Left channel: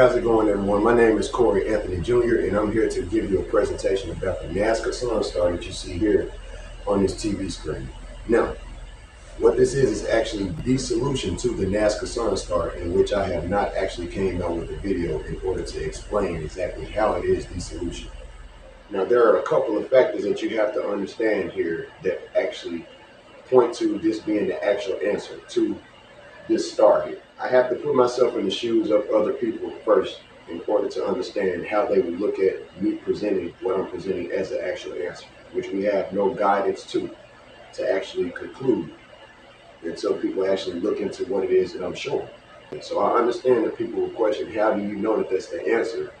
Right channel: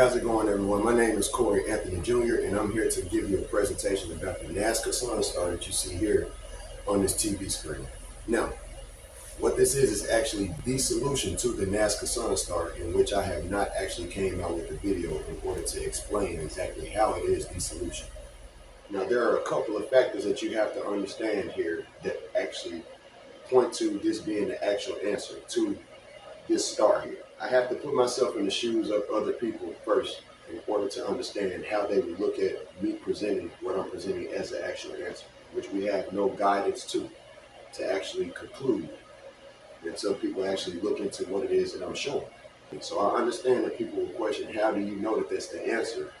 How's it going, everyone? My name is Corey Anthony Jr., and I'm here to give you a presentation about the Nazca Sun Star that you see here on this TV screen. Now, what this is actually the solution to the Nazca Sun Star, in which I have not actually came out with a video in order to explain exactly how it is the solution. Now, there are a couple of factors that you have to understand here that actually point to this being the actual answer to this star here. I have to put myself in the shoes of other people first in order to understand how they would look at me presenting what I'm presenting as an actual answer, which we have no guidance to actually conclude until people actually look into what it is that I'm showing. So I understand that people will question, how do you know that that's the answer?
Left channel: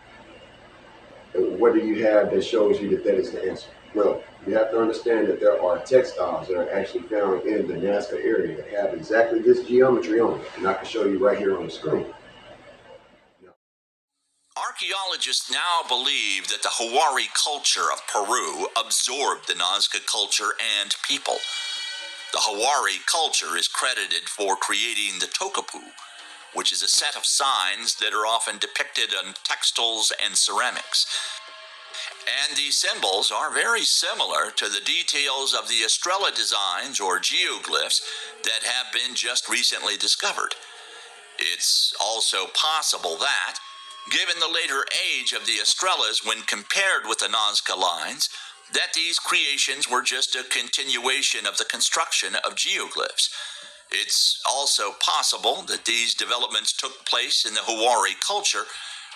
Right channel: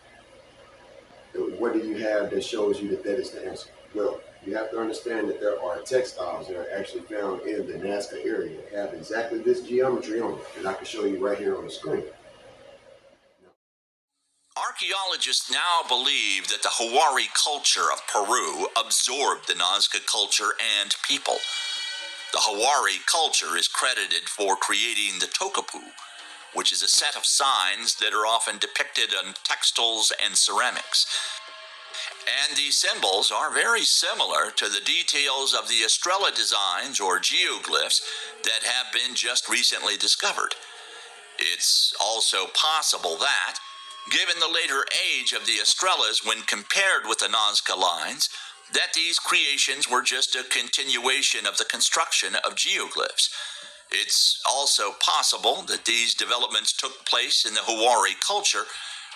What do you have that shows you that that is the answer? Well, you have to understand that there are textiles that are actually found in the Nazca area that have exactly this geometry on it, and I can show you right here on the screen. Archaeologists now believe that the Huari culture of Peru absorbed the Nazca culture and people. The Huari culture is credited for creating the tokapu, which is a set of signs that are often depicted on textiles and ceramics. And these symbols are very similar to the details of the Estrella designs or geoglyphs that have been just recently discovered. It's also possible that, given the later age of the Estrellas when compared with the Nazca lines, that these creations were just a continuation of the construction of geoglyphs. It's also possible that these developments took place in the Huari culture,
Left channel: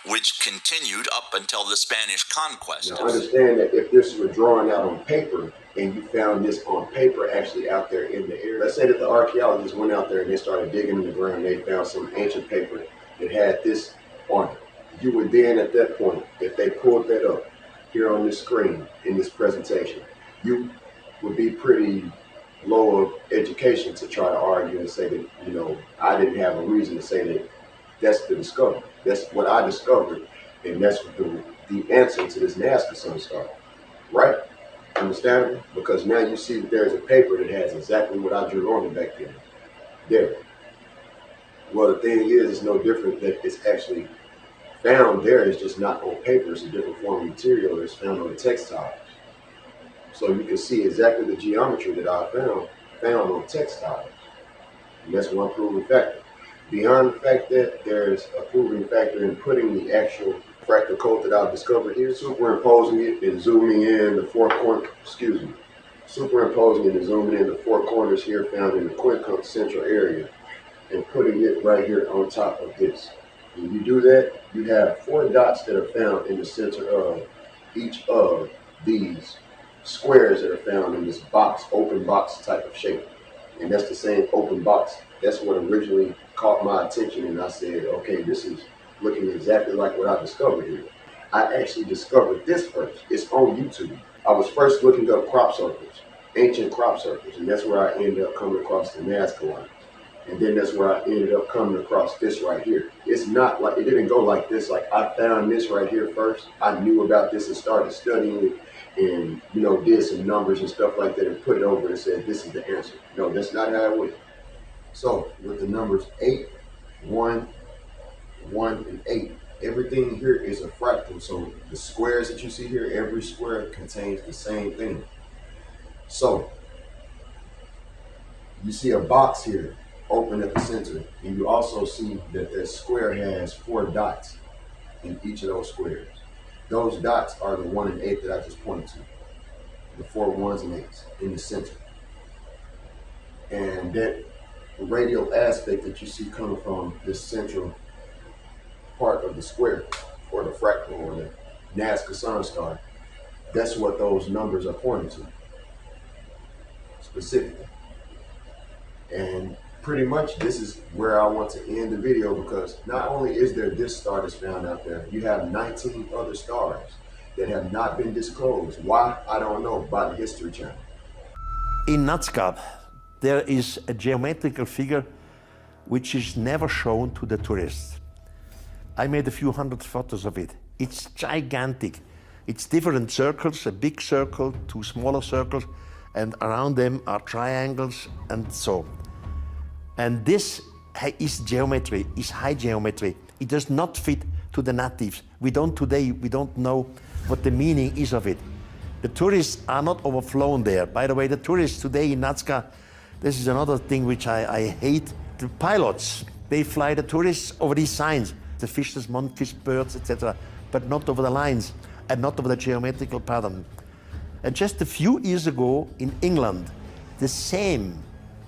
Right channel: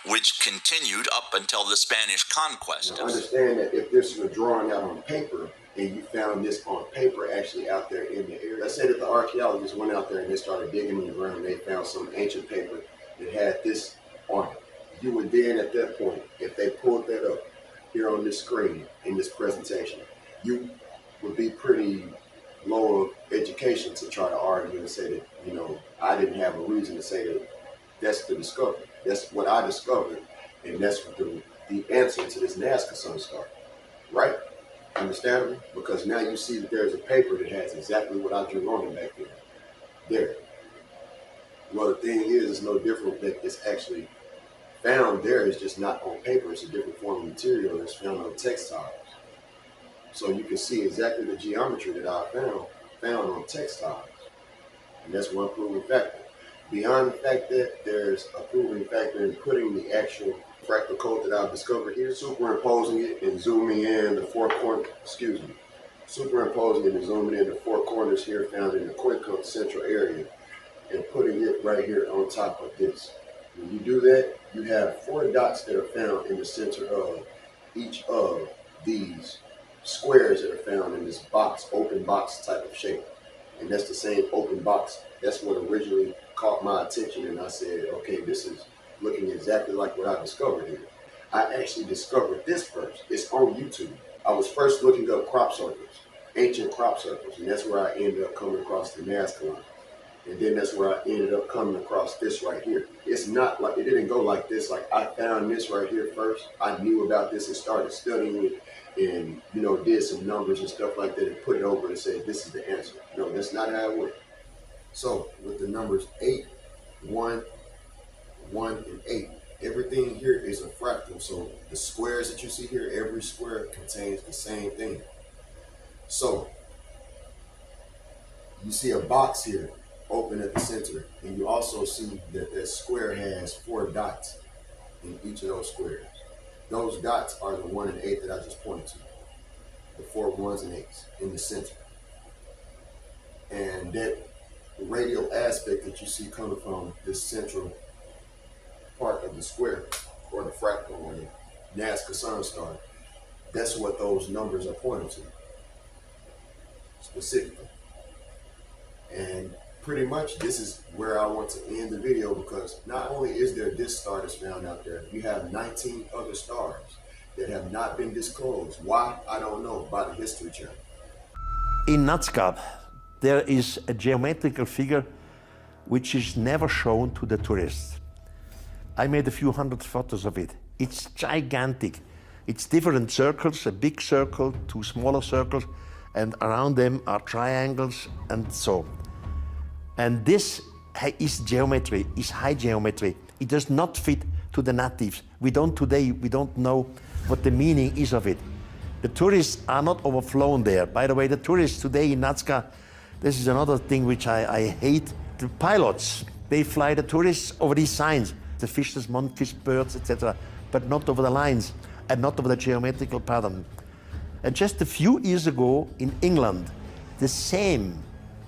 which continued up until the Spanish conquest. Now understand that if this were drawn out on paper and you found this on paper actually out there in the area, let's say that the archaeologists went out there and they started digging in the ground and they found some ancient paper that had this on it. You would then at that point, if they pulled that up here on this screen in this presentation, you would be pretty low of education to try to argue and say that, you know, I didn't have a reason to say that that's the discovery. That's what I discovered, and that's the answer to this Nazca Sun Star, right? Understandable? Because now you see that there's a paper that has exactly what I drew on it back then. There. Well, the thing is, it's no different that it's actually found there. It's just not on paper. It's a different form of material that's found on the textiles. So you can see exactly the geometry that I found on textiles. And that's one proving factor. Beyond the fact that there's a proving factor in putting the actual fractal code that I've discovered here, superimposing it and zooming in the four corners, superimposing it and zooming in the four corners here found in the quincunx central area and putting it right here on top of this. When you do that, you have 4 dots that are found in the center of each of these squares that are found in this box, open box type of shape. And that's the same open box. That's what originally caught my attention, and I said, okay, this is looking exactly like what I discovered here. I actually discovered this first. It's on YouTube. I was first looking up crop circles, ancient crop circles, and that's where I ended up coming across the Nazca lines. And then that's where I ended up coming across this right here. It's not like, it didn't go like this, like I found this right here first. I knew about this and started studying it and, you know, did some numbers and stuff like that and put it over and said, this is the answer. No, that's not how it went. So with the numbers 8, 1, 1, and 8, everything here is a fractal. So the squares that you see here, every square contains the same thing. So you see a box here open at the center, and you also see that that square has 4 dots in each of those squares. Those dots are the 1 and 8 that I just pointed to. The 4 1s and 8s in the center. And that radial aspect that you see coming from this central part of the square, or the fractal, or the Nazca Sun Star, that's what those numbers are pointing to, specifically. And pretty much this is where I want to end the video, because not only is there this star that's found out there, you have 19 other stars that have not been disclosed. Why? I don't know, by the History Channel. In Nazca, there is a geometrical figure which is never shown to the tourists. I made a few hundred photos of it. It's gigantic. It's different circles, a big circle, 2 smaller circles, and around them are triangles and so. And this is geometry, is high geometry. It does not fit to the natives. We don't today, we don't know what the meaning is of it. The tourists are not overflown there. By the way, the tourists today in Nazca, this is another thing which I hate. The pilots, they fly the tourists over these signs, the fishes, monkeys, birds, etc., but not over the lines and not over the geometrical pattern. And just a few years ago in England, the same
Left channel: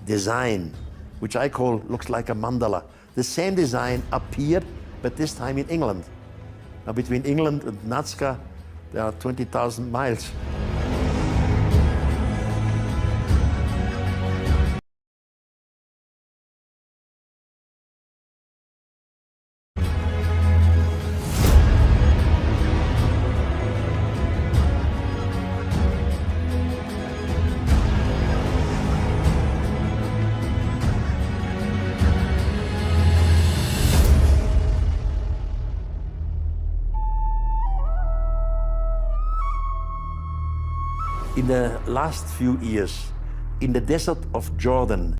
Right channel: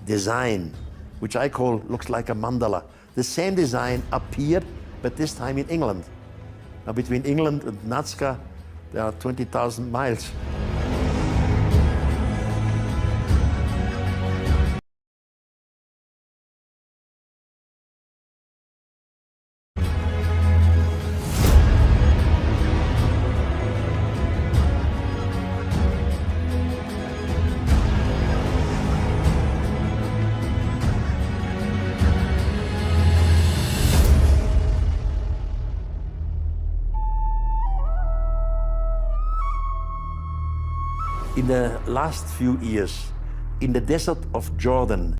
design, which I call looks like a mandala, the same design appeared, but this time in England. Now between England and Nazca, there are 20,000 miles. In the last few years, in the desert of Jordan,